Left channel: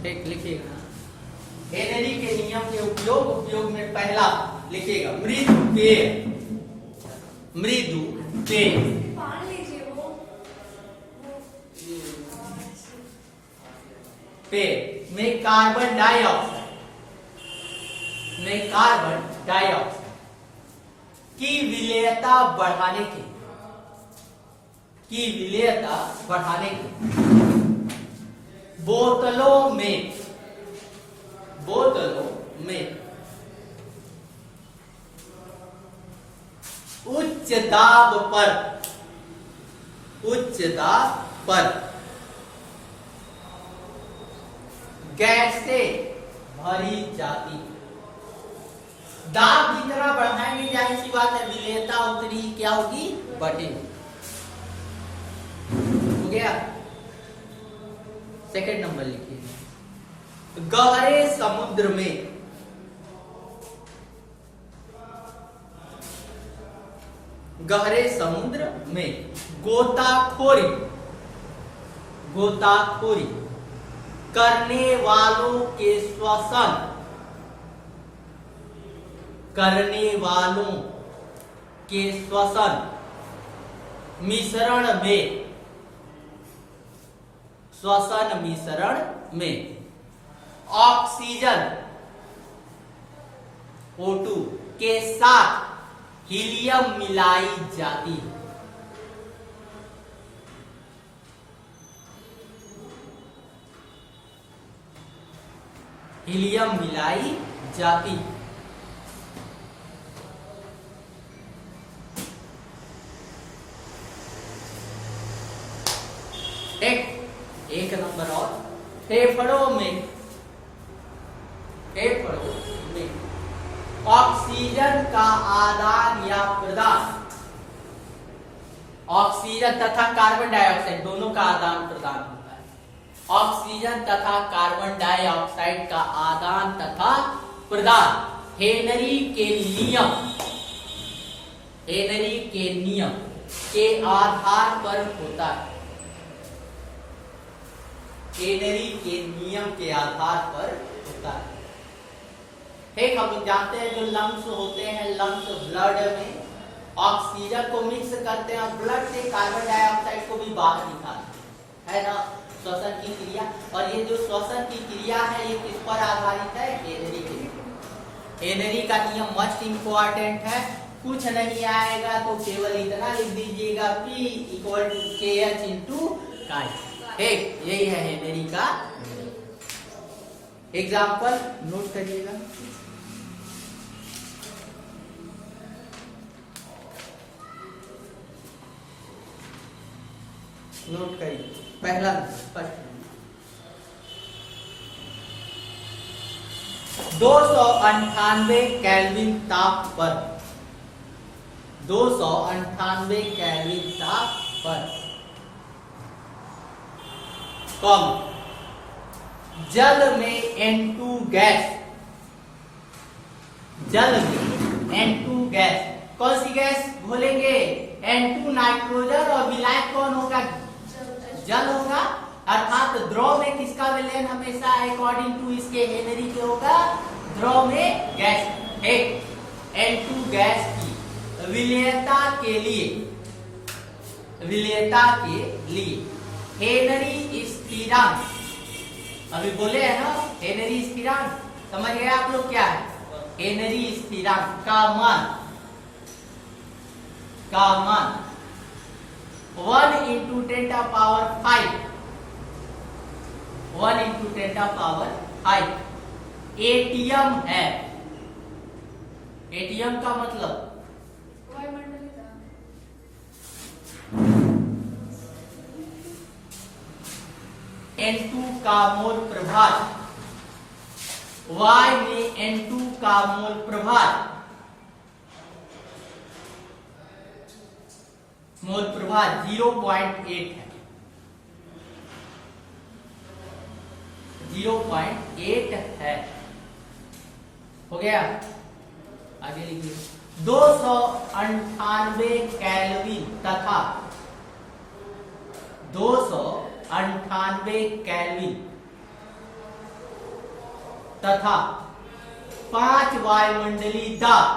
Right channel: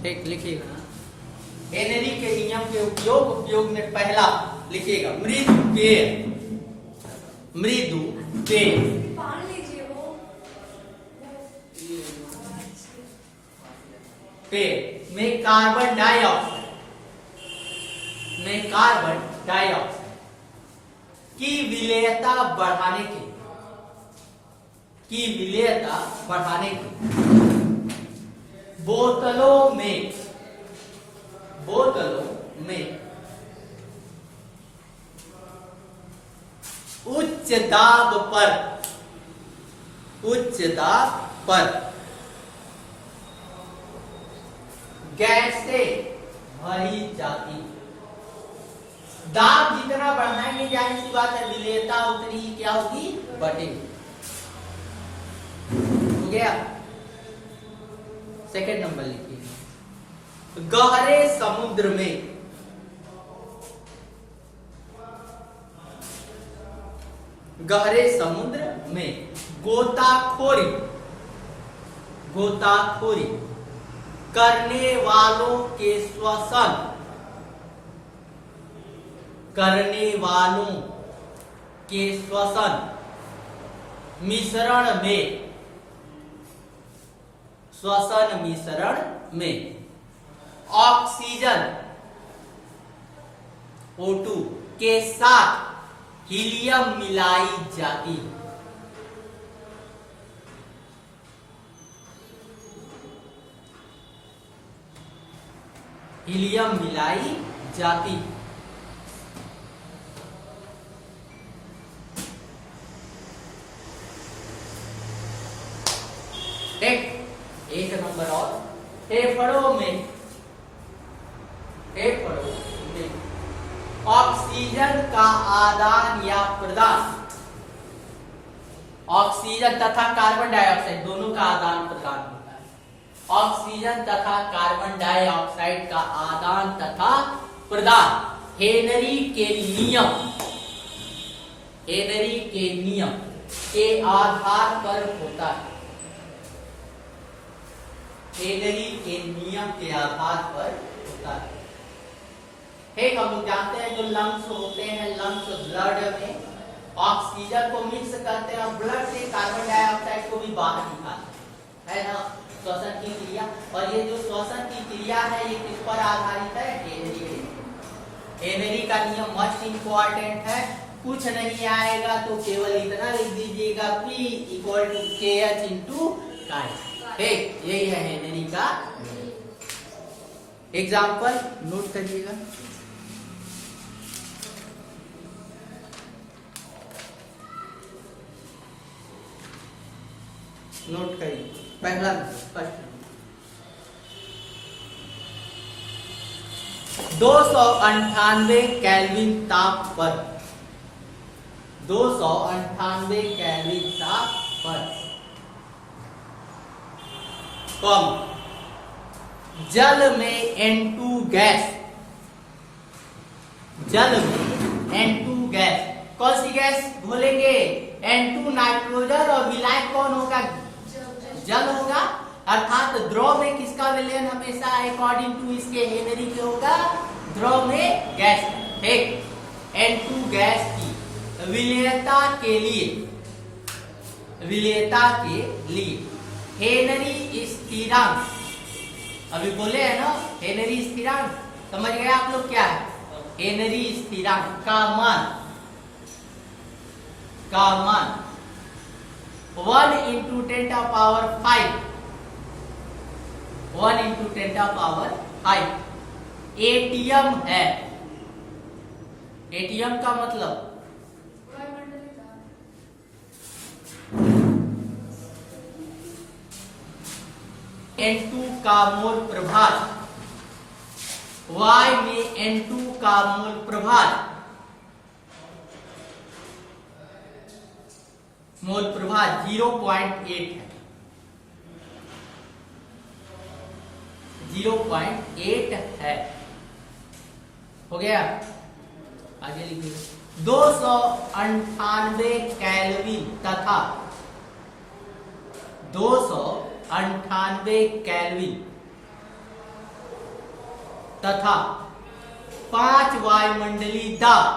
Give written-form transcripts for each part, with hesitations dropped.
ठीक, लिखिएगा। हेनरी के नियम के उपयोग में पहला लिखिएगा मृदु के पेड़ में कार्बन डाइऑक्साइड की विलेयता बढ़ाने के बोतलों में उच्च दाब पर गैसें भरी जाती। दाब जितना बढ़ाएंगे जाहिर सी बात है विलेयता उतनी ही क्या होगी, बढ़ेगी। हो गया। सेकंड नंबर लिखिए गहरे समुद्र में गोताखोरी करने वालों के श्वसन मिश्रण में ऑक्सीजन O2 के साथ हीलियम मिलाई जाती है। एक नंबर और फेफड़ों में ऑक्सीजन का आदान या प्रदान, ऑक्सीजन तथा कार्बन डाइऑक्साइड दोनों का आदान प्रदान होता है। ऑक्सीजन तथा कार्बन डाइऑक्साइड का आदान तथा प्रदान हेनरी के नियम के आधार पर होता है। हेनरी के नियम के आधार पर होता है। ठीक, हम लोग जानते हैं जो लंग्स होते हैं, लंग्स ब्लड में ऑक्सीजन को मिक्स करते हैं और ब्लड से कार्बन डाइऑक्साइड को भी बाहर निकालते हैं, है ना, श्वसन की क्रिया। और ये जो श्वसन की क्रिया है ये किस पर आधारित है, हेनरी का नियम मस्ट इंपॉर्टेंट है। कुछ नहीं आएगा तो केवल इतना लिख दीजिएगा P = KH × chi। ठीक, यही है हेनरी का एग्जाम्पल, नोट करिएगा। नोट करिए पहला फर्स्ट 298 केल्विन ताप पर कम जल में N2 गैस कौन सी गैस बोलेंगे, N2 नाइट्रोजन और विलायक कौन होगा, जल होगा। अर्थात द्रव में किसका विलयन हमेशा अकॉर्डिंग टू इसके हेनरी के होगा, द्रव में गैस। एक N2 गैस की विलेयता के लिए हेनरी स्थिरांक, अभी बोले है ना हेनरी स्थिरांक, समझ गए आप लोग क्या है हेनरी स्थिरांक का मान 1 × 10⁵ 1 × 10⁵ एटीएम है। एटीएम का मतलब N2 का मोल प्रभार, Y में N2 का मोल प्रभार 0.8 है, 0.8 है। हो गया, आगे लिखिए 298 केल्विन तथा 298 केल्विन तथा 5 वायुमंडलीय दाब,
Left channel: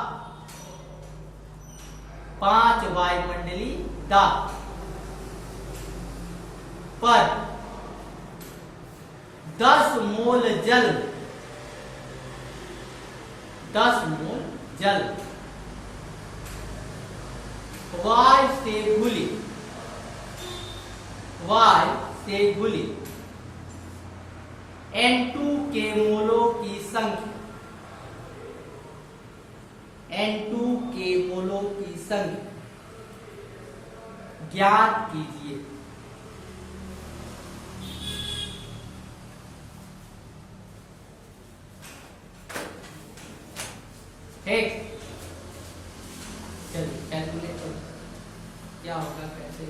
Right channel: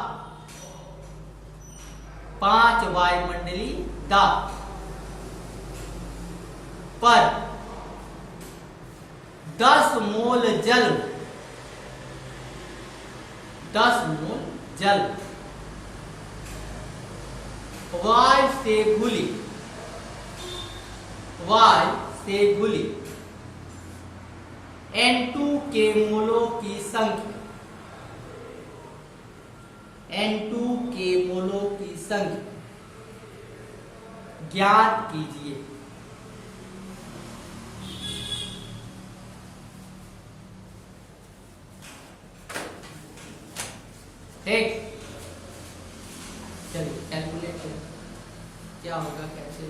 5 वायुमंडलीय दाब पर 10 मोल जल, 10 मोल जल वायु से घुली, वायु से घुली N2 के मोलों की संख्या, N2 के मोलों की संख्या ज्ञात कीजिए। ठीक, चलिए कैलकुलेट करो क्या होगा, कैसे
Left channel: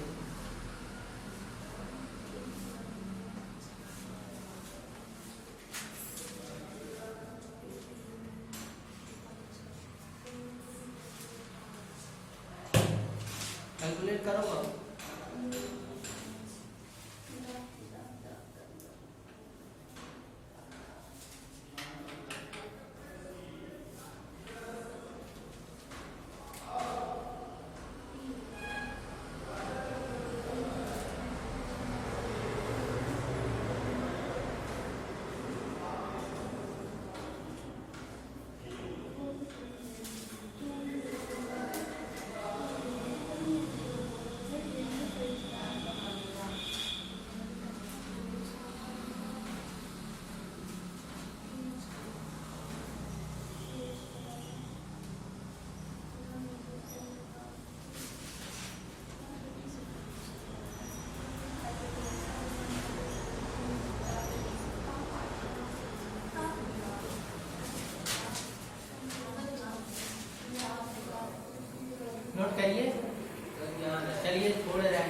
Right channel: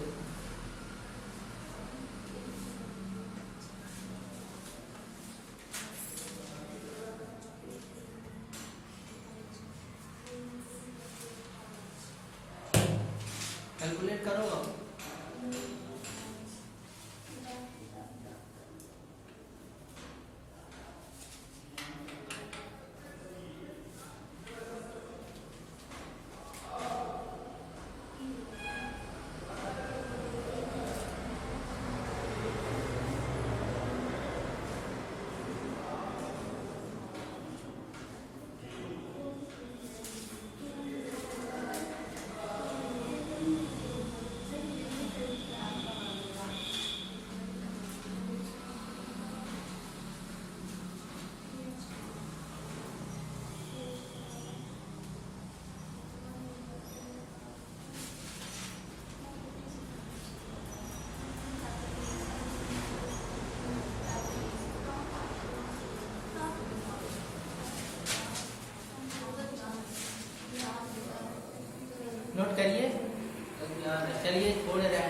कैलकुलेट करो अब। नोट करिए, चलिए थोड़े रहे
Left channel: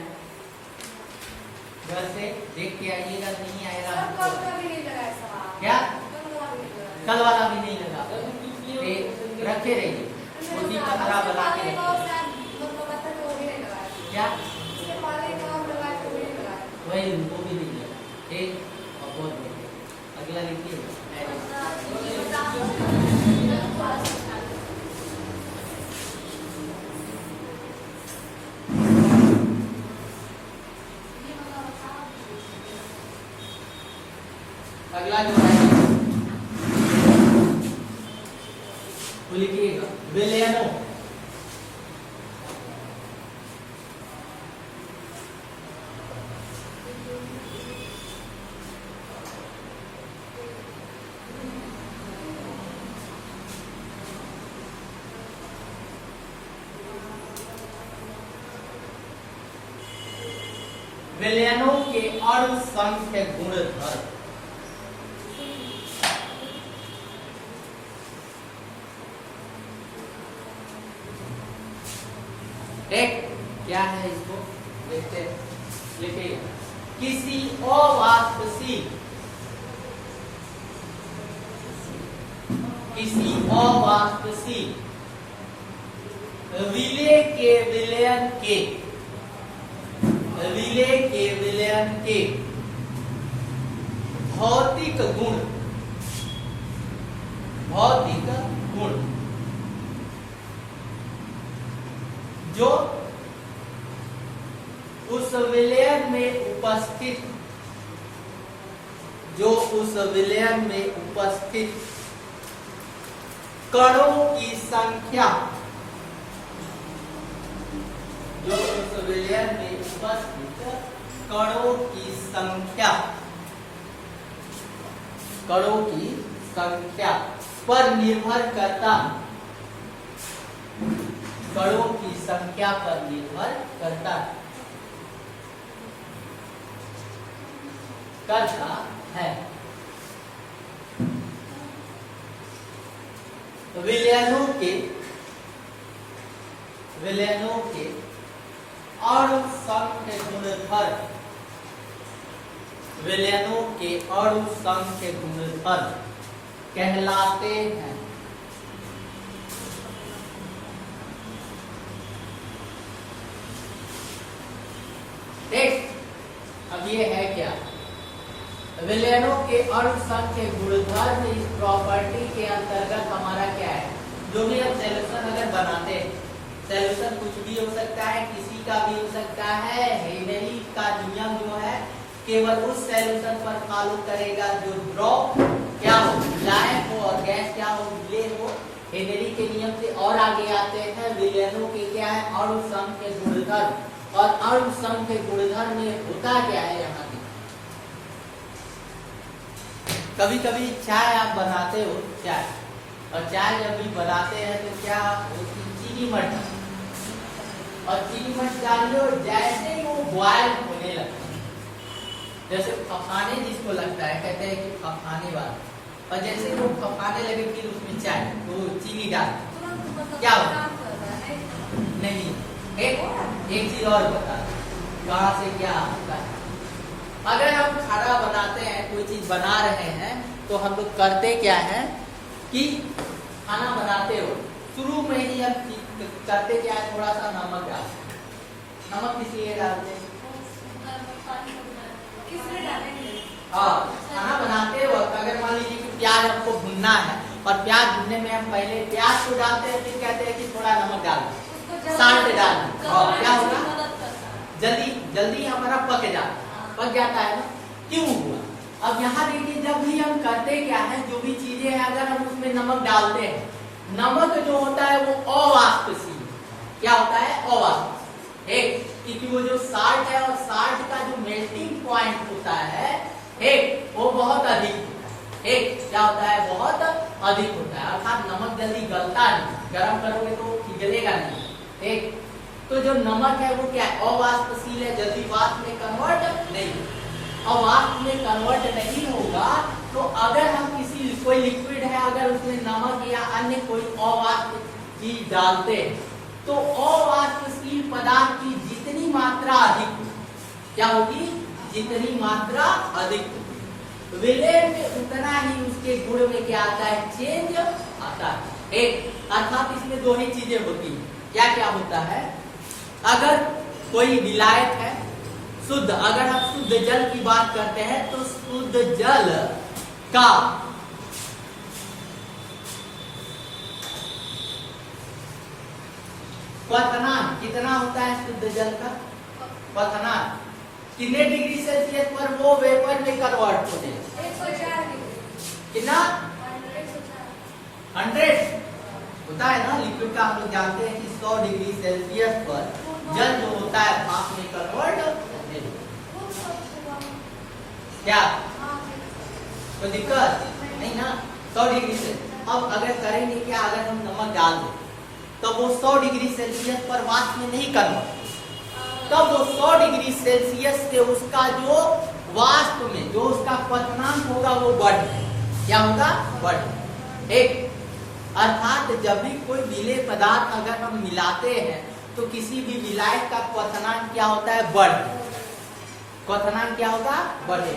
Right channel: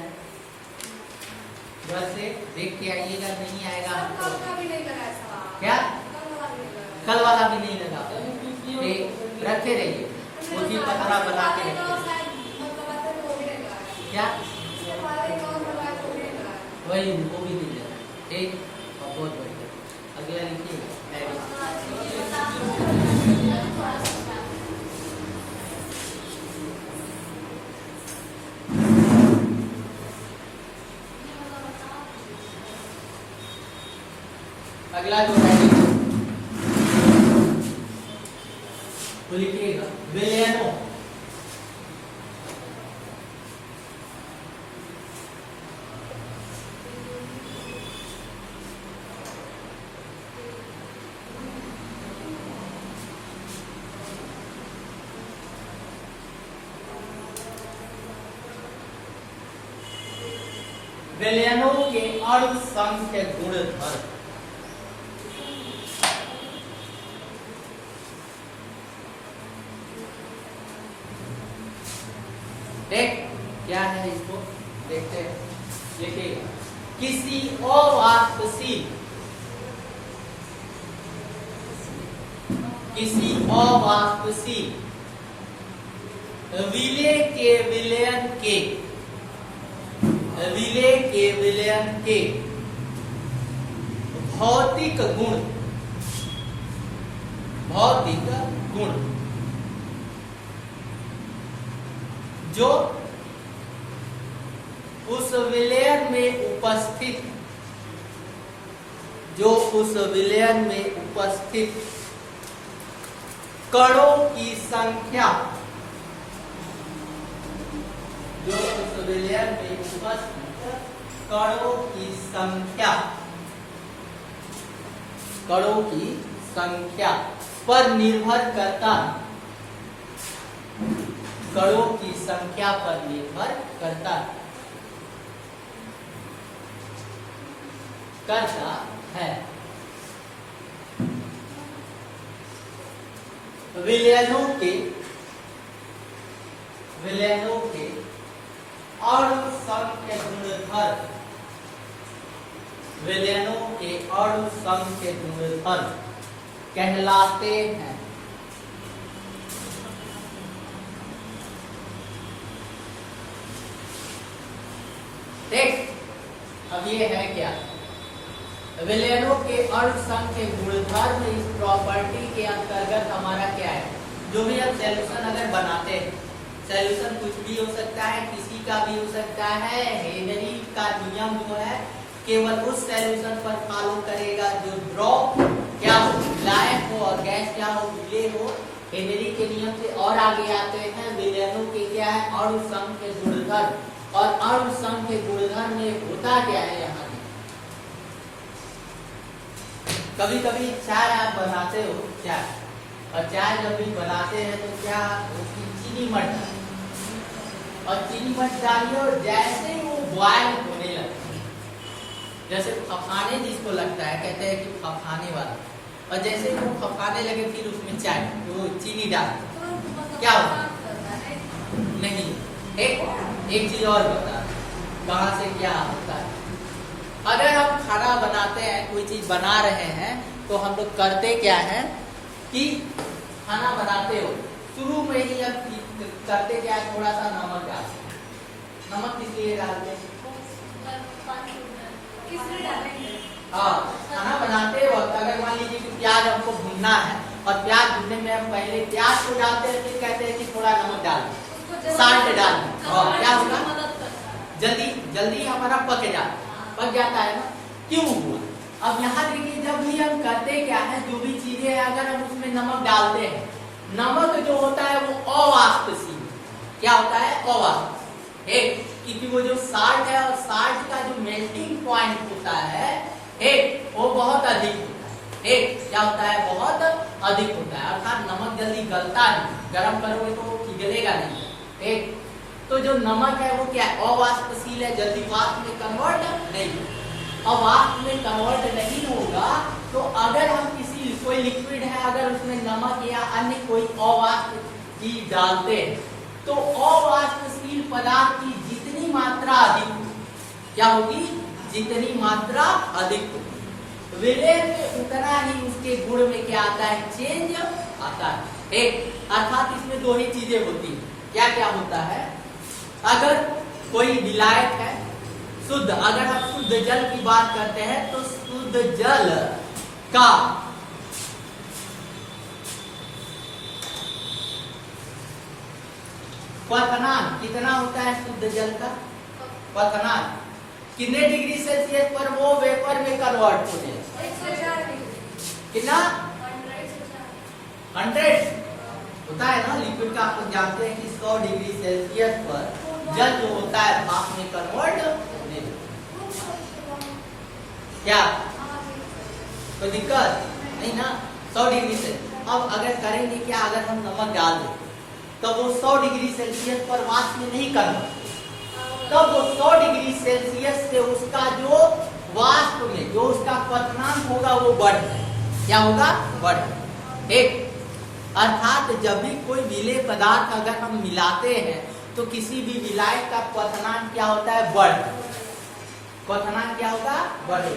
वैसे देख के आइएगा, नहीं आएगा कल का भी नहीं लगा सवाल, क्या, कल वाला भी नहीं लगा, नहीं रखे रहिए उसी पतला बना के रखिए। क्या वही उनको भी नहीं लगा। ठीक, बहुत बढ़िया, अगला लिखिए। अगला जो है तो लिखिएगा विलयनो, विलयनों के असंख्य गुणधर्म। देख क्या है, इसको देखते हैं, देखिएगा किसी अवाष्पशील, किसी अवाष्पशील विलेय के विलयन के, विलेय के विलयन के भौतिक गुण, भौतिक गुण जो उस विलयन में उपस्थित, जो उस विलयन में उपस्थित कणों की संख्या, जो उस विलयन में उपस्थित कणों की संख्या, कणों की संख्या पर निर्भर करता, कणों की संख्या पर निर्भर करता है। विलयनों के, विलयनों के असंख्य गुणधर्म, विलयनों के असंख्य गुणधर्म कहलाते हैं। देख अब ये है क्या, विलयनों के अर्ध संघ के गुणधर्म इस प्रॉपर्टी के अंतर्गत हमारा क्या है, जो भी हम सॉल्यूशन अगर बनाते हैं, सॉल्यूशन कुछ भी हो सकता है, किसी का भी हो सकता है। हेनरी का नियम जो है केवल उस सॉल्यूशन पर फॉलो करेगा जो ड्रॉप क्या हो, लायक हो, और गैस क्या हो, विलय हो। हेनरी के नियम से और आगे आते हैं, विलयनों के क्या है, अणु संघ के गुणधर्म, और अणु संघ के गुणधर्म में होता क्या है यहाँ। कभी कभी चाय आप बनाते हो चाय, और चाय जब भी बनाते हैं तो क्या उसकी चीनी मत डालो, और चीनी मत डालिए, और जैसे ही वो बॉयल होने लगता है, जैसे खपाने जिसको लगता है, कहते हैं कि खपाने वाला, और जैसे ही वो खपाने लगे फिर उसमें चाय तो वो चीनी डाल, क्या होगा नहीं। एक चीज और बता, कहाँ से क्या होता है। अगर हम खाना बनाते हैं, कोई चीज बना रहे हैं, तो हम लोग करते क्या है कि खाना बनाते हो शुरू में ही हम करते क्या है, थोड़ा सा नमक डालते हैं। नमक किस लिए डालते हैं? हाँ, खाना बनाते वक्त अगर मान लीजिए कि प्याज हमको भूनना है, और प्याज भूनने में हम पहले प्याज को डालते हैं, फिर कहते हैं कि थोड़ा नमक डाल दो, साल्ट डाल दो, और क्या होगा, जल्दी हमारा पक जाता है ना। क्यों हुआ? अब यहाँ देखिए, जब भी हम करते क्या है, जो भी चीजें हैं अगर हम उसमें नमक डालते हैं, नमक जो होता है वो अवाष्पशील, क्या होता है, अवाष्प, एक, क्योंकि वो जो साल्ट है, और साल्ट का जो मेल्टिंग पॉइंट होता है, एक, वो बहुत अधिक होता है, एक, क्या होता है, बहुत अधिक होता है, अर्थात नमक जल्दी गलता नहीं, गर्म करोगे तो पिघलेगा नहीं, एक। तो जो नमक है वो क्या है, अवाष्पशील है, जल्दी वाष्प में कन्वर्ट नहीं, अवाष्प में कन्वर्ट नहीं होगा। तो अगर हम कोई लिक्विड है, अगर उसमें नमक या अन्य कोई अवाष्प चीज डालते हैं, तो अवाष्पशील पदार्थ की जितनी मात्रा अधिक होगी, क्या होगी, जितनी मात्रा अधिक होगी, विलय में उतना ही उसके गुण में क्या आता है, चेंज आता है, एक। अर्थात इसमें दो ही चीजें होती है, क्या क्या होता है, अगर कोई विलायक है शुद्ध, अगर हम शुद्ध जल की बात करते हैं, तो शुद्ध जल का क्वथनांक कितना होता है, शुद्ध जल का क्वथनांक कितने डिग्री सेल्सियस पर वो वेपर में कन्वर्ट होने कितना, 100 होता है ना। लिक्विड का हम लोग जानते हैं कि 100 डिग्री सेल्सियस पर जल जो होता है भाप में कन्वर्ट होने क्या, कोई दिक्कत नहीं ना, 100 डिग्री से। अब अगर करेंगे क्या, अगर हम नमक डाल दें तो वो 100 डिग्री सेल्सियस पर वाष्प में नहीं करना, तब वो 100 डिग्री सेल्सियस से उसका जो वाष्प में जो उसका क्वथनांक होगा वो बढ़, क्या होगा, बढ़, एक। अर्थात जब भी कोई विलेय पदार्थ अगर हम मिलाते हैं, तो किसी भी विलायक का क्वथनांक क्या होता है, बढ़, क्वथनांक क्या होगा, बढ़े,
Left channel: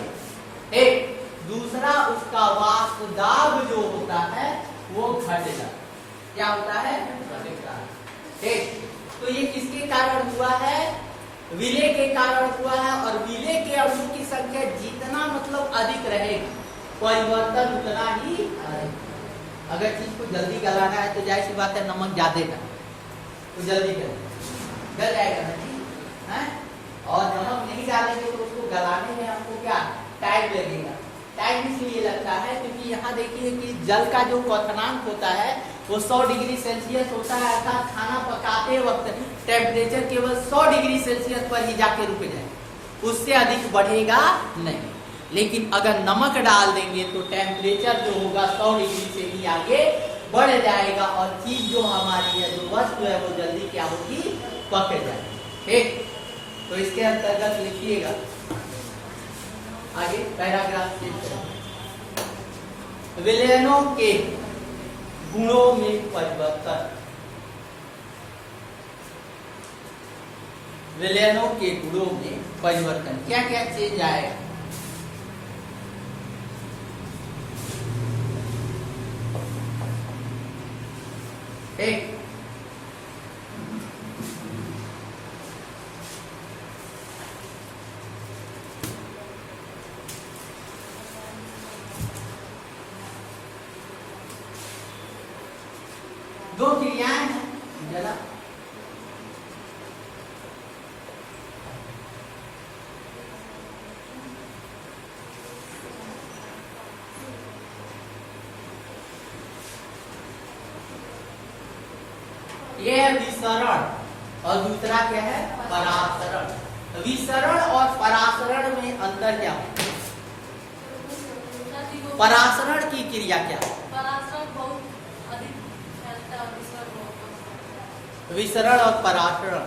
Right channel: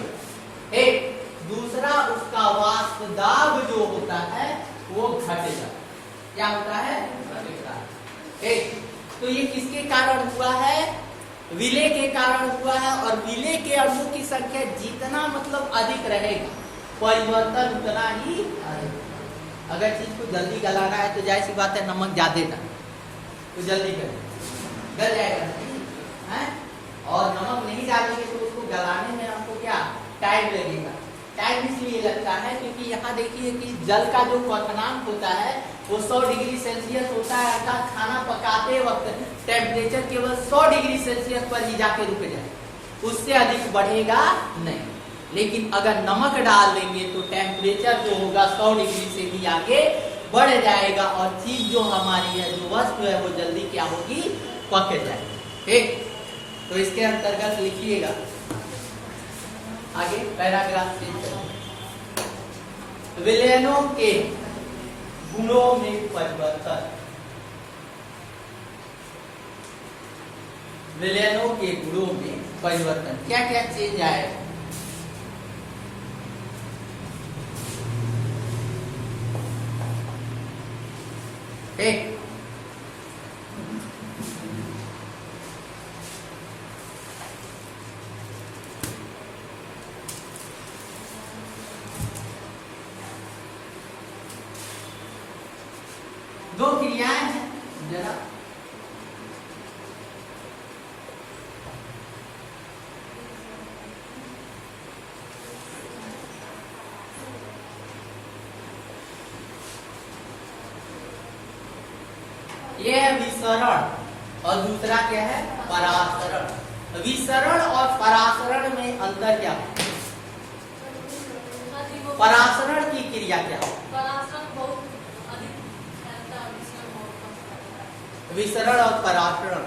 एक। दूसरा, उसका वाष्प दाब जो होता है वो घटेगा, क्या होता है, घटेगा, एक। तो ये किसके कारण हुआ है, विलेय के कारण हुआ है, और विलेय के अणु की संख्या जितना मतलब अधिक रहेगी, परिवर्तन उतना ही अधिक। अगर चीज को जल्दी गलाना है तो जाहिर सी बात है नमक ज्यादा का, तो जल्दी गल जाएगा है, और नमक नहीं डालेंगे तो उसको गलाने में आपको क्या टाइम लगेगा। टाइम इसलिए लगता है क्योंकि यहाँ देखिए कि जल का जो क्वथनांक होता है वो 100 डिग्री सेल्सियस होता है, अर्थात खाना पकाते वक्त टेम्परेचर केवल 100 डिग्री सेल्सियस पर ही जाके रुक जाए, उससे अधिक बढ़ेगा नहीं। लेकिन अगर नमक डाल देंगे तो टेम्परेचर जो होगा 100 डिग्री से भी आगे बढ़ जाएगा, और चीज जो हमारी है, जो वस्तु है, वो जल्दी क्या होगी, पक जाएगी, ठीक। तो इसके अंतर्गत लिखिएगा आगे पैराग्राफ विलयनों के गुणों में परिवर्तन, विलयनों के गुणों में परिवर्तन, क्या क्या चेंज आएगा, ठीक। दो क्रियाएं हैं जरा ये है विसरण और दूसरा क्या है परासरण। विसरण और परासरण में अंतर क्या है? परासरण की क्रिया क्या है? परासरण बहुत अधिक फैलता है, विसरण बहुत कम फैलता है। विसरण और परासरण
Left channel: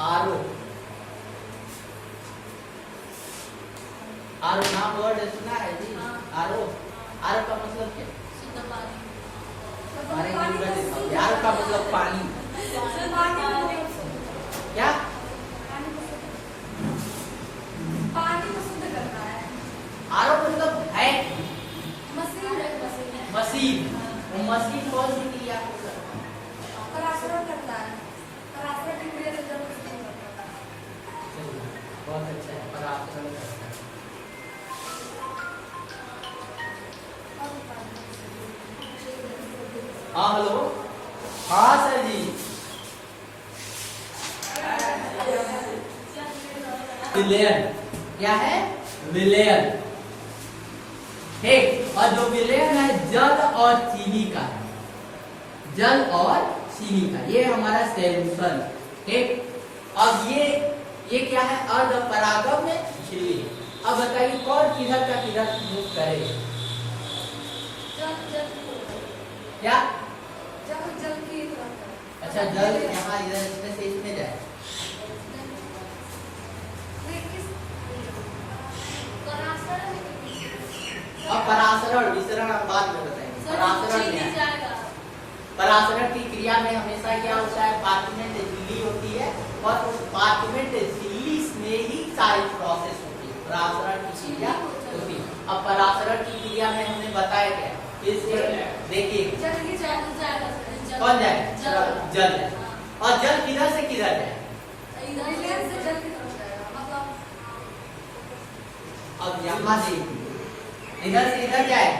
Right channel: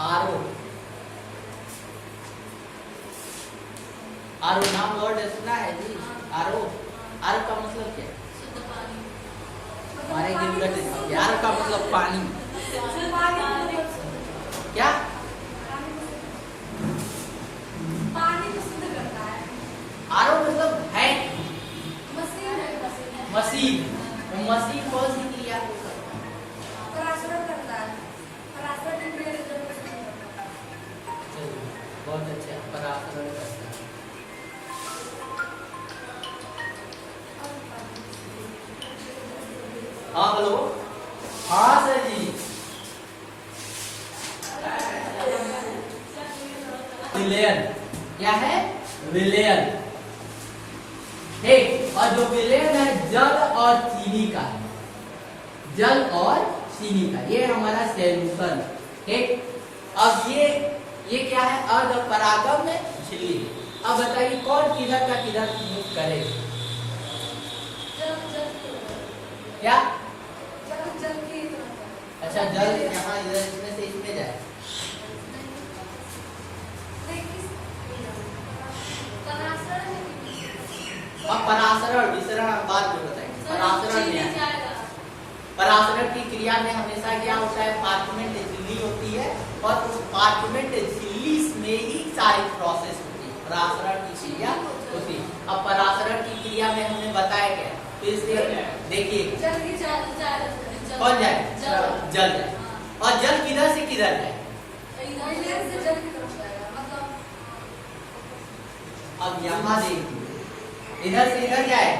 आरो आरो नाम वर्ड सुना है जी? आरो आरो का मतलब क्या है? शुद्ध पानी। हमारे हिंदी में देखो, आरो का मतलब पानी। क्या? पानी को शुद्ध करता है। आरो मतलब है मशीन है, मशीन है। मशीन। वो मशीन कौन सी क्रिया को करता है? परासरण करता है। परासरण की क्रिया से जल प्रस्तुत होता है। चलिए, बहुत अच्छा है, परासरण करता है। हाँ हेलो, हाँ सर जी। विलयन क्या है? विलयन। ठीक, और जो विलयन है जल और चीनी का है, जल और चीनी का, ये हमारा सॉल्यूशन। ठीक, अब ये क्या है? अर्ध परागम में झिल्ली। अब बताइए कौन किधर का किधर यूज करे? क्या? जल की तरह। अच्छा, जल यहाँ इधर इसमें से इसमें जाए। अब परासरण विसरण हम बाद में बताएंगे। परासरण में है। परासरण की क्रिया में हमेशा क्या होता है? पार्चमेंट झिल्ली होती है और उस पार्चमेंट झिल्ली में ही सारी प्रोसेस होती है, परासरण की क्रिया होती है। अब परासरण की क्रिया में हमने बताया क्या? इससे देखिए कौन जाए? जल जाए। और जल किधर से किधर जाए? अब यहाँ देखिए, इधर से इधर जाए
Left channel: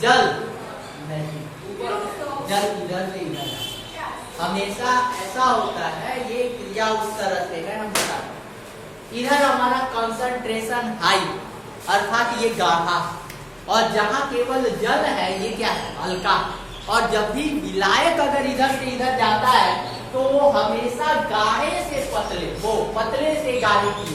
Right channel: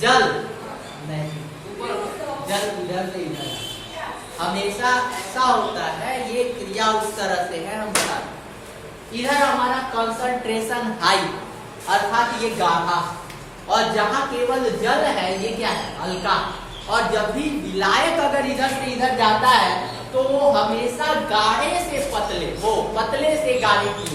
जल नहीं, जल इधर से इधर जाए। हमेशा ऐसा होता है, ये क्रिया उस तरह से है। हम बता इधर हमारा कंसंट्रेशन हाई अर्थात ये गाढ़ा, और जहाँ केवल जल है ये क्या है? हल्का। और जब भी विलायक अगर इधर से इधर जाता है तो वो हमेशा गाढ़े से पतले, वो पतले से गाढ़े की,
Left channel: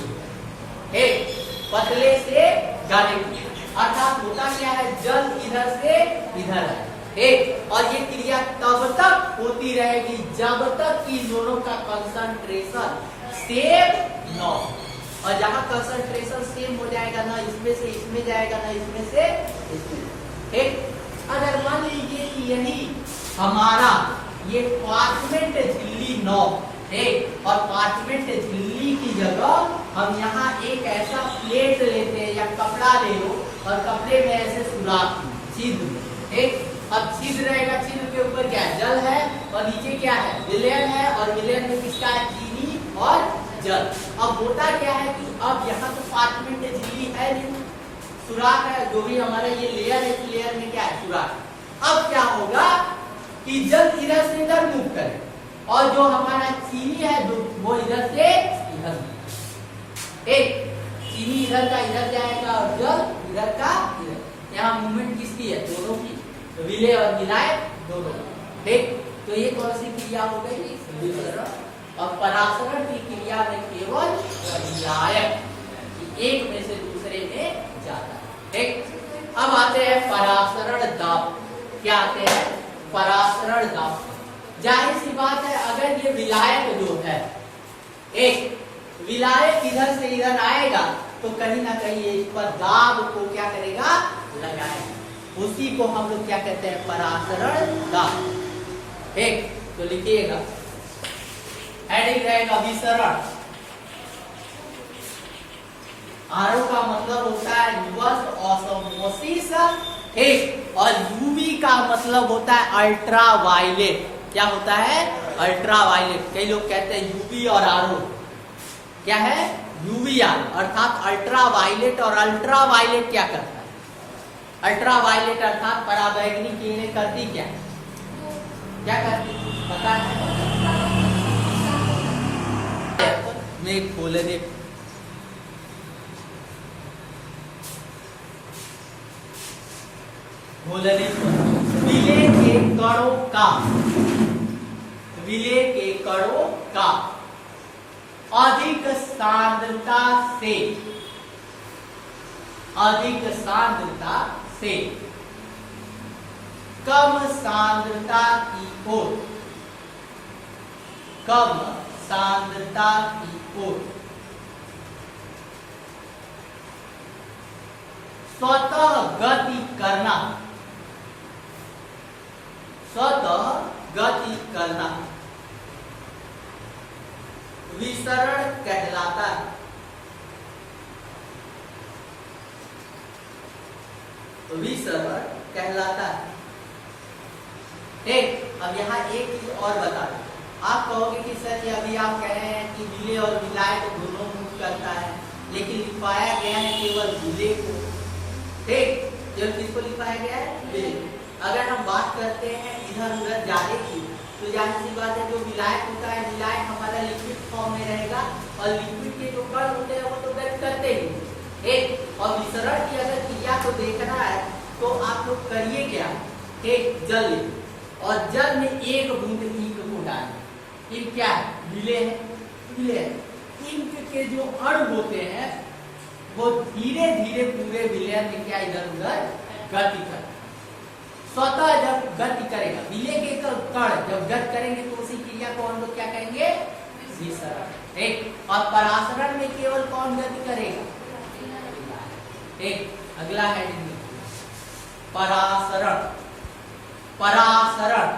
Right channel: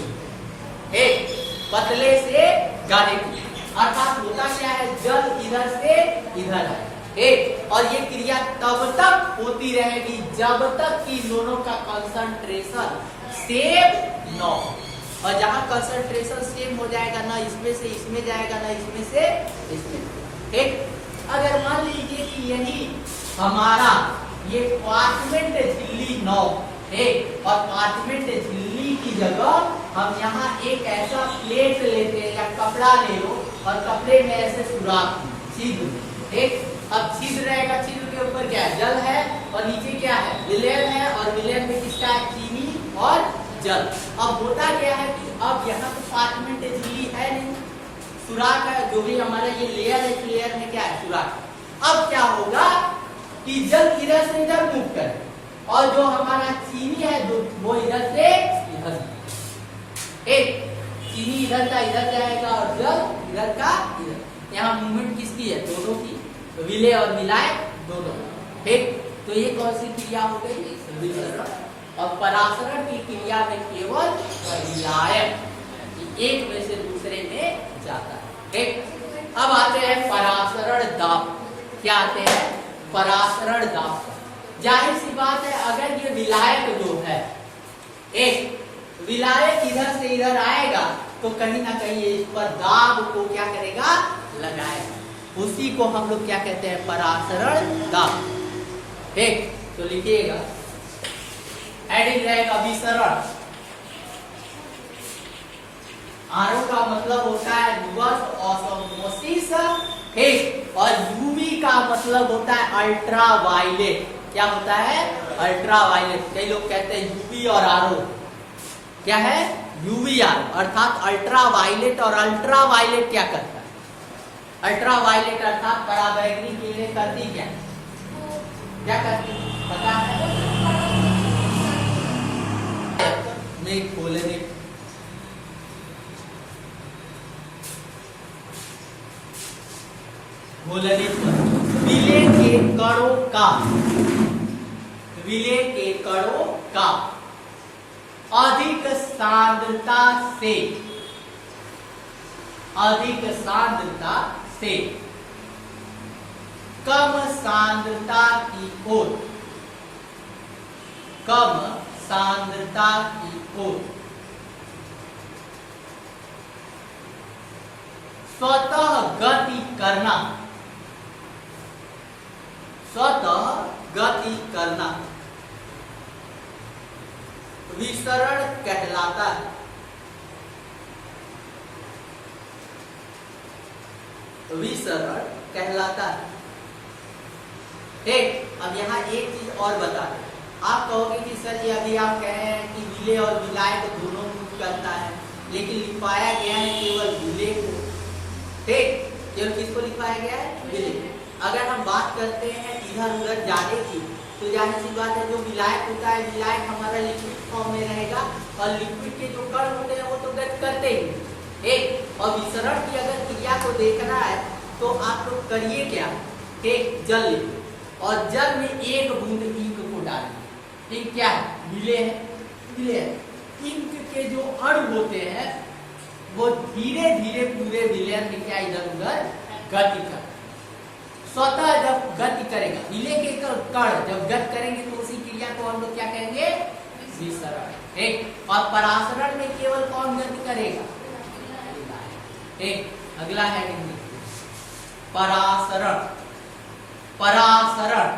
एक पतले से गाढ़े की, अर्थात होता क्या है? जल इधर से इधर है, एक। और ये क्रिया तब तक होती रहेगी जब तक कि दोनों का कंसंट्रेशन सेम न हो। और जहाँ कंसंट्रेशन सेम हो जाएगा, ना इसमें से इसमें जाएगा, ना इसमें से इसमें, ठीक। अगर मान लीजिए कि यही हमारा ये पार्चमेंट झिल्ली 9 है, और पार्चमेंट झिल्ली की जगह हम यहाँ एक ऐसा प्लेट लेते हैं या कपड़ा ले लो, और कपड़े में ऐसे सुराख छिद्र, ठीक। अब छिद्र रहेगा, छिद्र के ऊपर क्या है? जल है, और नीचे क्या है? विलयन है, और विलयन में किसका है? चीनी और जल। अब होता क्या है कि अब यहाँ तो पार्चमेंट झिल्ली है नहीं, सुराख है, जो भी हमारा ये लेयर है, इस लेयर में क्या है? सुराख। अब क्या होगा कि जल इधर से इधर मूव करे, और जो हमारा चीनी है वो इधर से इधर, एक चीनी इधर का इधर जाएगा और जल इधर का इधर। यहाँ मूवमेंट किसकी है? दोनों की, विलय और विलायक दोनों, ठीक। तो ये कौन सी क्रिया हो गई? विसरण। और परासरण की क्रिया में केवल विलायक एक में से दूसरे में जाता है, ठीक। अब आते हैं परासरण दाब। क्या आते हैं? परासरण दाब। जाहिर सी बात है, अगर ये विलायक जो है, एक विलायक इधर से इधर आएगा तो कहीं ना कहीं इस पर दाब को क्या करेगा? लगाएगा। उसी को हम लोग क्या कहते हैं? परासरण दाब, एक। तो लिखिएगा, हेडिंग रहेगा विसरण। आरो का मतलब होता है रिवर्स ऑस्मोसिस, ठीक। और यूवी का मतलब होता है अल्ट्रावायलेट। क्या होता है? अल्ट्रा वायलेट, कई लोग कहते हैं यूवी और आरओ, क्या है यूवीआर, अर्थात अल्ट्रा वायलेट। और अल्ट्रा वायलेट क्या करता है? अल्ट्रा वायलेट अर्थात पराबैंगनी किरणें करती क्या है? क्या करती पता है? में खोलने विलय के कणों का, विलय के कणों का अधिक सांद्रता से, अधिक सांद्रता से कम सांद्रता की ओर, कम सांद्रता की ओर स्वतः गति करना, स्वतः गति करना विसरण कहलाता है। विसरण कहलाता है। ठीक, अब यहाँ एक चीज और बता दें। आप कहोगे कि सर ये अभी आप कह रहे हैं कि विलय और विलाय को दोनों मूव करता है, लेकिन लिखवाया गया है केवल विलय को। ठीक, केवल किसको लिखवाया गया है? विलय। अगर हम बात करते हैं इधर उधर जाने की, तो जाहिर सी बात है जो विलायक होता है, विलायक हमारा लिक्विड फॉर्म में रहेगा और लिक्विड के जो कण होते हैं वो तो गति करते ही। एक और विसरण की अगर क्रिया को देखना है तो आप लोग करिए क्या, एक जल लीजिए और जल में एक बूंद इंक को डालिए। इंक क्या है? विलय है, विलय है। इंक के जो अणु होते हैं वो धीरे धीरे पूरे विलय में क्या इधर उधर गति कर, स्वतः जब गति करेगा, विलय के कण जब गति करेंगे तो उसी क्रिया को हम लोग क्या कहेंगे? विसरण। एक और परासरण में केवल कौन गति करेगा? एक अगला है परासरण। परासरण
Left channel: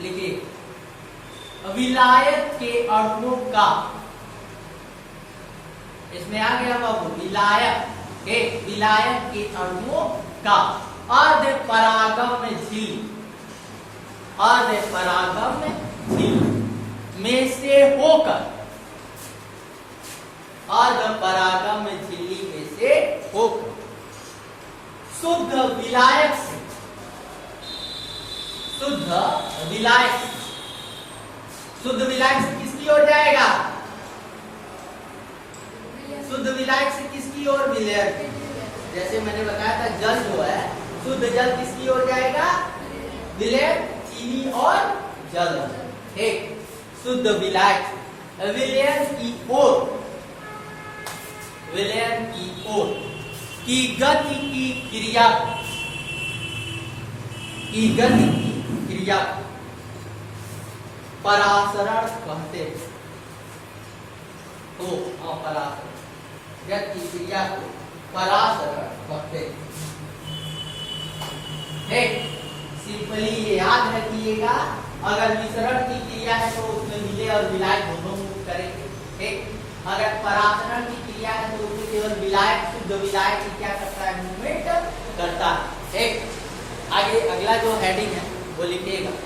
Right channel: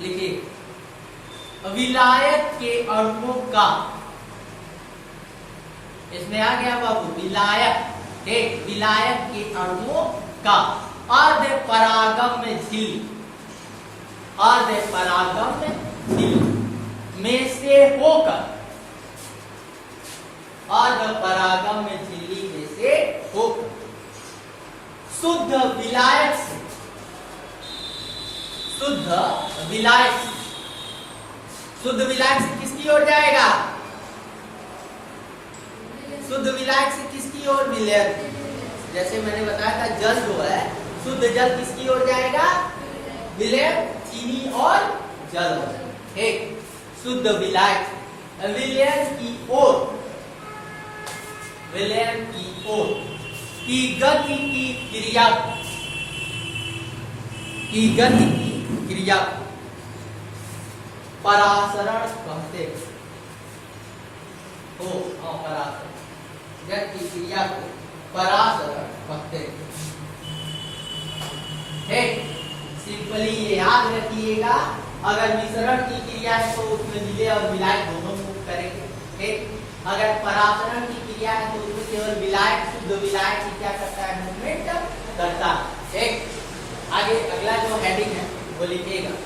लिखिए, विलायक के अणुओं का, इसमें आ गया बाबू विलायक, एक विलायक के अणुओं का अर्ध परागम्य झिल्ली, अर्ध परागम्य झिल्ली में से होकर, अर्ध परागम्य झिल्ली में से होकर शुद्ध विलायक से, शुद्ध विलायक, शुद्ध विलायक से किसकी ओर जाएगा? शुद्ध विलायक से किसकी ओर? विलय। जैसे मैंने बताया था जल जो है, शुद्ध जल किसकी ओर जाएगा? विलय, चीनी और जल। एक शुद्ध विलायक विलय की ओर, विलय की ओर की गति की क्रिया, की गति की क्रिया परासरण कहते हैं। तो परासरण गति की क्रिया को परासरण कहते हैं। सिंपली ये याद रखिएगा, अगर विसरण की क्रिया है तो उसमें विलय और विलायक दोनों मूव करेंगे। ठीक, अगर परासरण की क्रिया है तो उसमें केवल विलायक, शुद्ध विलायक ही क्या करता है? मूवमेंट करता है। ठीक, आगे अगला जो हेडिंग है वो लिखिएगा,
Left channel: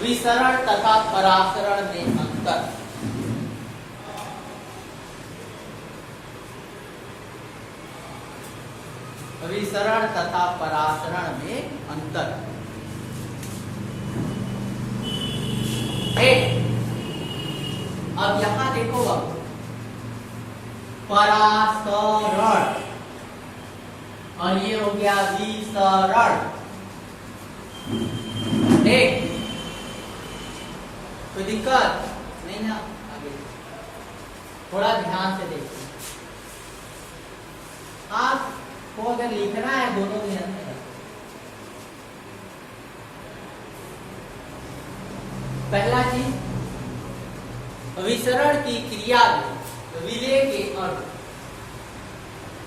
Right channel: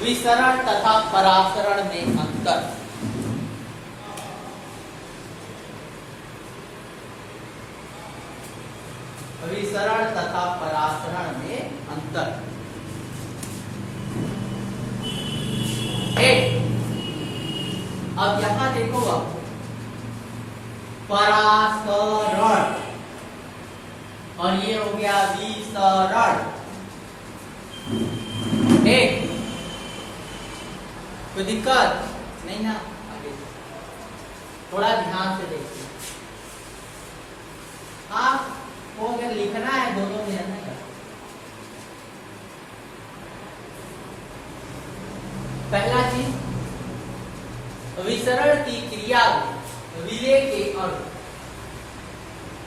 विसरण तथा परासरण में अंतर। विसरण तथा परासरण में अंतर। अब यहां देखो, अब परासरण और ये हो गया विसरण। ठीक, कोई दिक्कत नहीं ना? थोड़ा ध्यान से देखिए, आपको अगर लिखना है दोनों ध्यान में। पहला चीज, विसरण की क्रिया विलय के अणु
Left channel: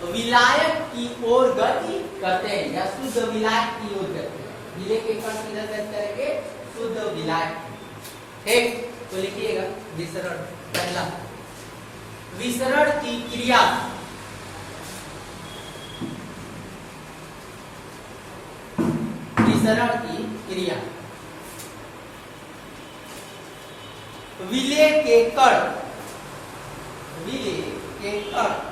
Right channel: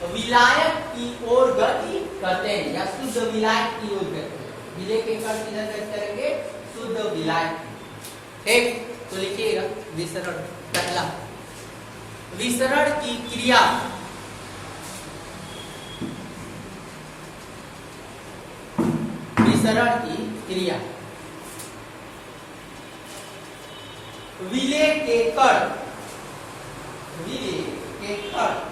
विलायक की ओर गति करते हैं या शुद्ध विलायक की ओर गति करते हैं। विलय के कण किधर गति करेंगे? शुद्ध विलायक। ठीक, तो लिखिएगा विसरण। पहला, विसरण की क्रिया विसरण की क्रिया। विलेय के कण, विलेय के कण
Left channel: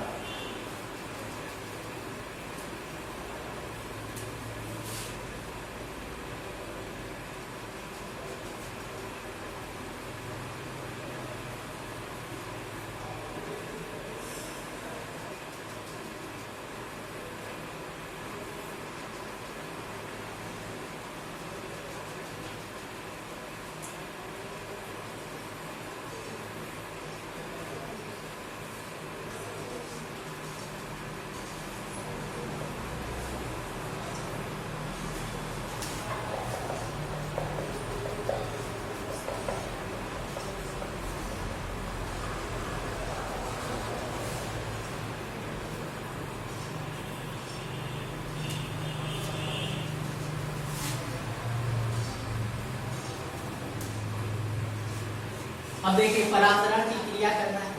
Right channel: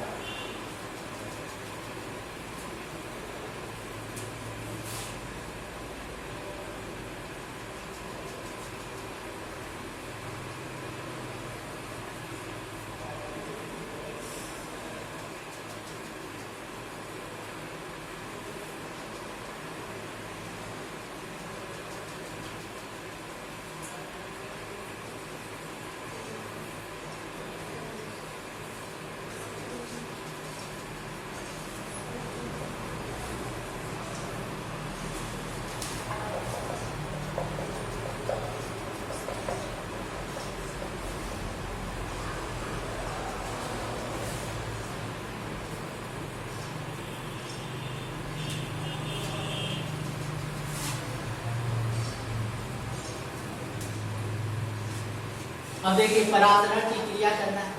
अब देखिए परासरण की क्रिया करना है।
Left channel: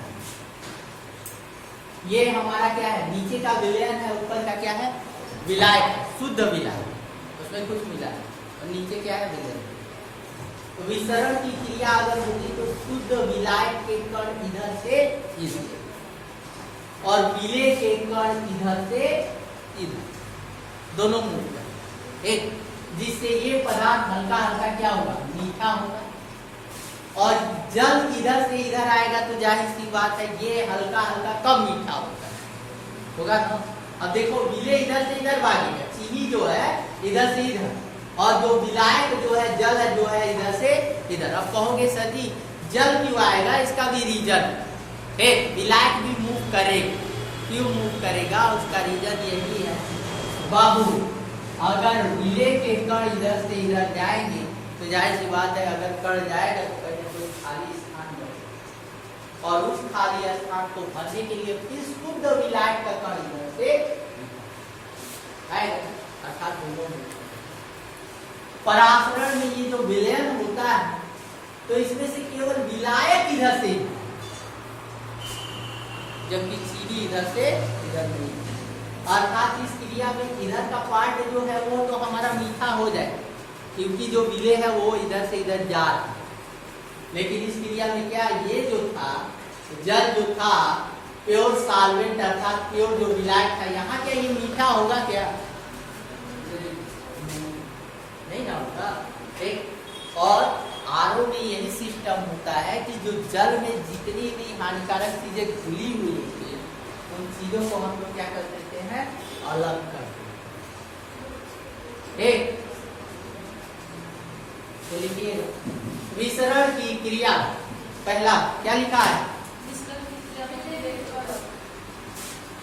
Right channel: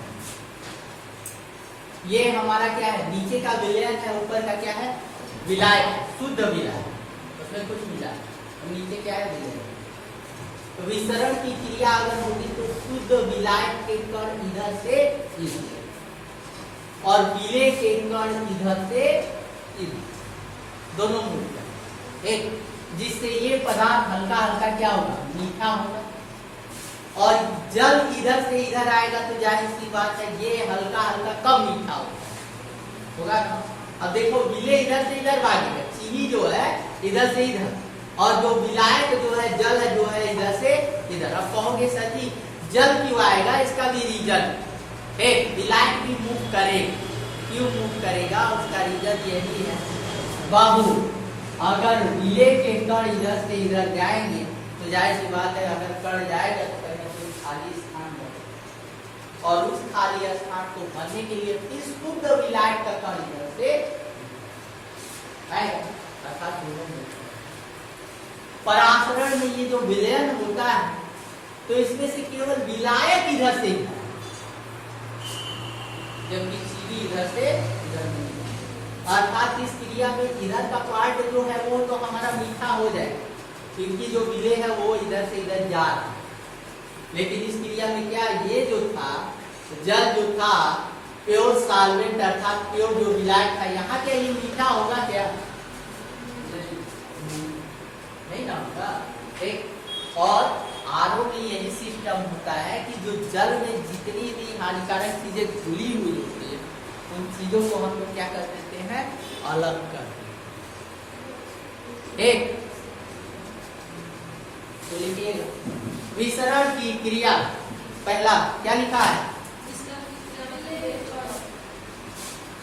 ये हमारा क्या है, नीचे का विलयन है, ऊपर का क्या है, विलायक, शुद्ध विलायक, उसमें कुछ मिला है, और नीचे क्या है, विलयन। तो विसरण की क्रिया अगर होगी तो शुद्ध विलायक के कण इधर से इधर, और विलेय के कण इधर से इधर, दोनों मिल एक, जिससे ये पदार्थ हल्का हल्का क्या होगा, मीठा होगा। और जल इधर से इधर आएगा तो जाहिर सी बात है ये हल्का हल्का कम मीठा होगा। अब देखो विलेय इधर से इधर भागेगा, चीनी जो है इधर से इधर, और जो विलायक जो है जल है जो है इधर से इधर। अब कहोगे सर जी जल क्यों आएगा, इसका भी रीजन एक, विलायक भी मूव करेगा, क्यों मूव करेगा, उसका रीजन यही है बाबू, अगर विलेय के कण इधर से इधर जाएंगे तो जाहिर सी बात है अगर कण जाएगा तो खाली स्थान बनेगा, और उस खाली स्थान को भरने के लिए फिर शुद्ध विलायक का कण इधर से आएगा, अर्थात दोनों में। परासरण में ये जो विलयन होता है तो इसमें से केवल विलायक इधर से, जबकि चीनी इधर से इधर नहीं, अर्थात इस क्रिया में इधर का पार्ट जो है वो तो हमारा मीठा हो जाए, क्योंकि जो विलेय है वो इधर से इधर जा रहा है। लेकिन इस क्रिया में क्या, ये जो था जल जो था प्योर सॉल्वेंट अर्थात प्योर जो विलायक था, यहाँ के लिए मीठा होगा क्या, नहीं ना होगा। एक और आरओ में यही सिस्टम होता है कि जो जल में जितनी भी हानिकारक चीजें घुली हुई होती है उन चीजों को हम लोग क्या कर देते हैं, अलग कर देते हैं। एक तो लिखिए विसरण की क्रिया, पहला क्या लिखा है,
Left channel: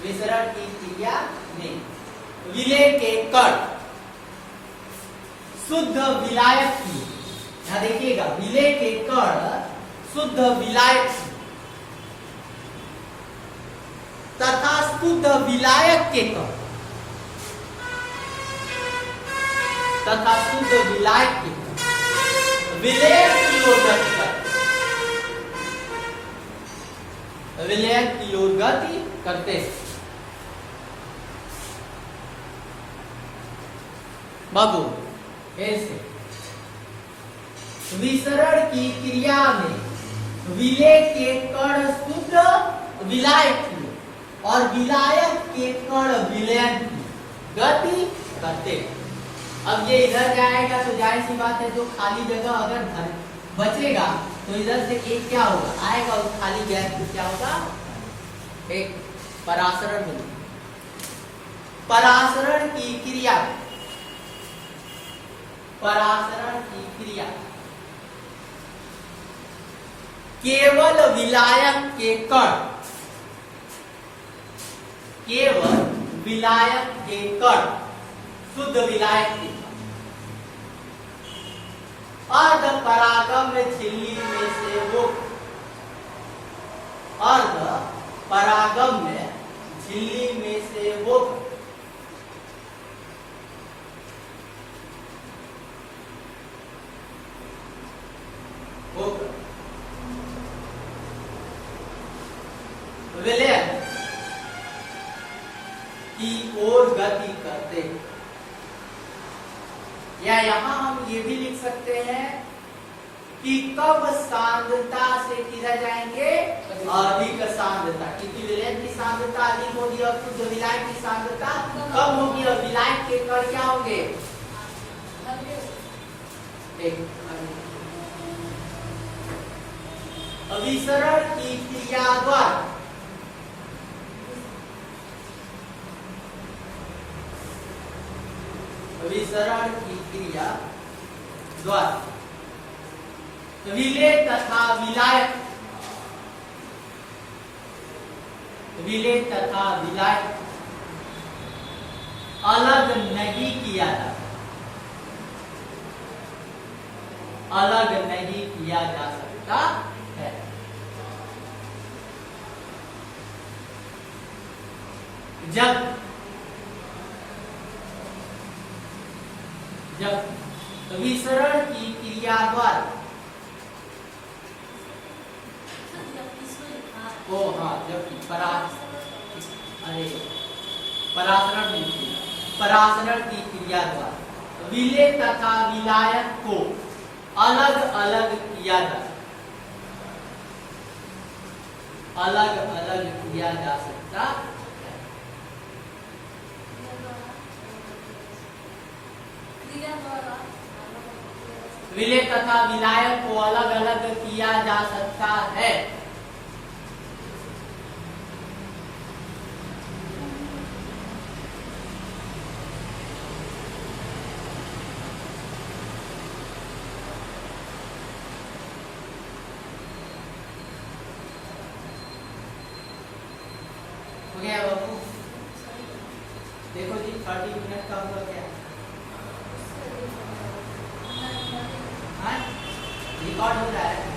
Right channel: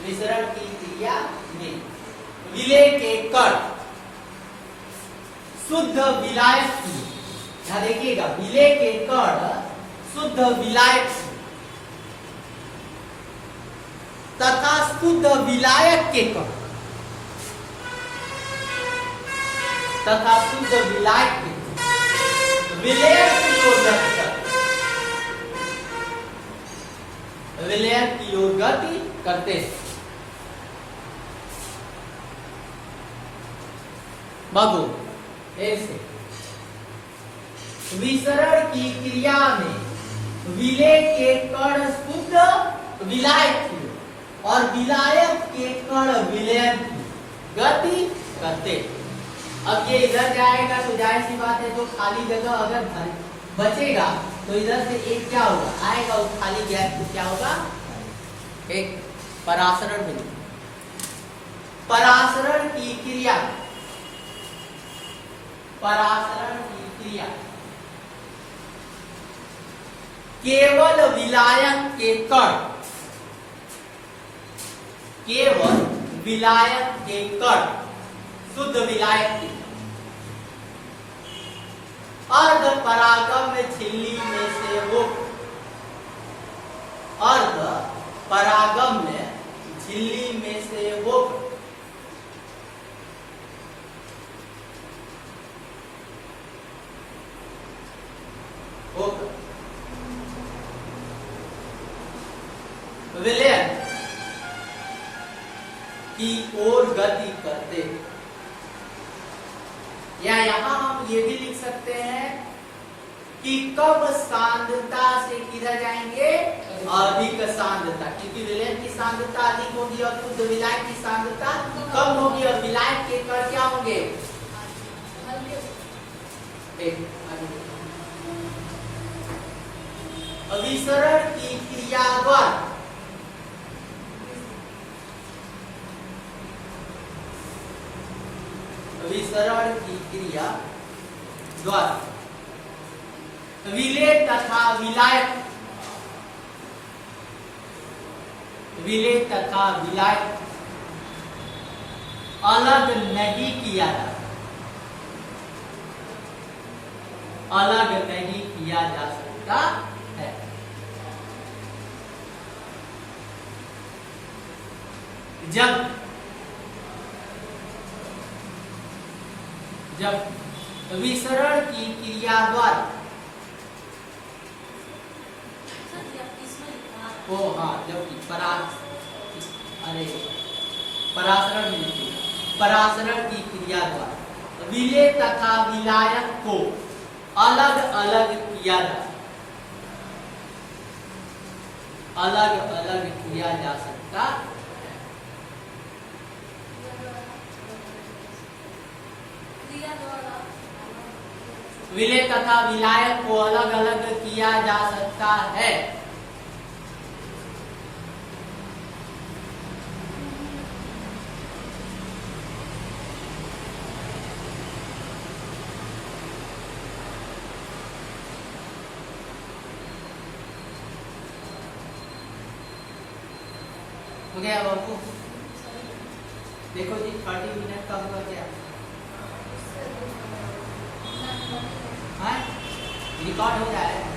विसरण की क्रिया में विलेय के कण शुद्ध विलायक की, यहां देखिएगा विलेय के कण शुद्ध विलायक तथा शुद्ध विलायक के कण तथा शुद्ध विलायक के विलेय की ओर गति करते, विलेय की ओर गति करते बाबू। ऐसे विसरण की क्रिया में विलेय के कण शुद्ध विलायक की और विलायक के कण विलयन की गति करते। अब ये इधर जाएगा तो जाहिर सी बात है जो खाली जगह अगर बचेगा तो इधर से एक क्या होगा, आएगा उस खाली गैप को क्या होगा, एक परासरण मिलेगा। परासरण की क्रिया, परासरण की क्रिया केवल विलायक के कण, केवल विलायक के कण शुद्ध विलायक की अर्ध परागम झिल्ली में से वो, अर्ध परागम में झिल्ली में से वो विलयन की ओर गति करते, या यहाँ हम ये भी लिख सकते हैं कि कब सांद्रता से किधर जाएंगे, अधिक सांद्रता, क्योंकि विलयन की सांद्रता अधिक होगी और शुद्ध विलायक की सांद्रता कम होगी और विलायक के कण क्या होंगे, अभिसरण की क्रिया द्वारा अभिसरण की क्रिया द्वारा विलेय तथा विलायक, विलेय तथा विलायक अलग नहीं किया जा अलग नहीं किया जा सकता है। जब विसरण की क्रिया द्वारा परासरण की क्रिया द्वारा विलेय तथा विलायक को अलग अलग किया जा सकता है। विलेय तथा विलायक को अलग अलग किया जा सकता है। बाबू देखो जी 30 मिनट का हुआ क्या, रिकॉर्ड हो जाएगा।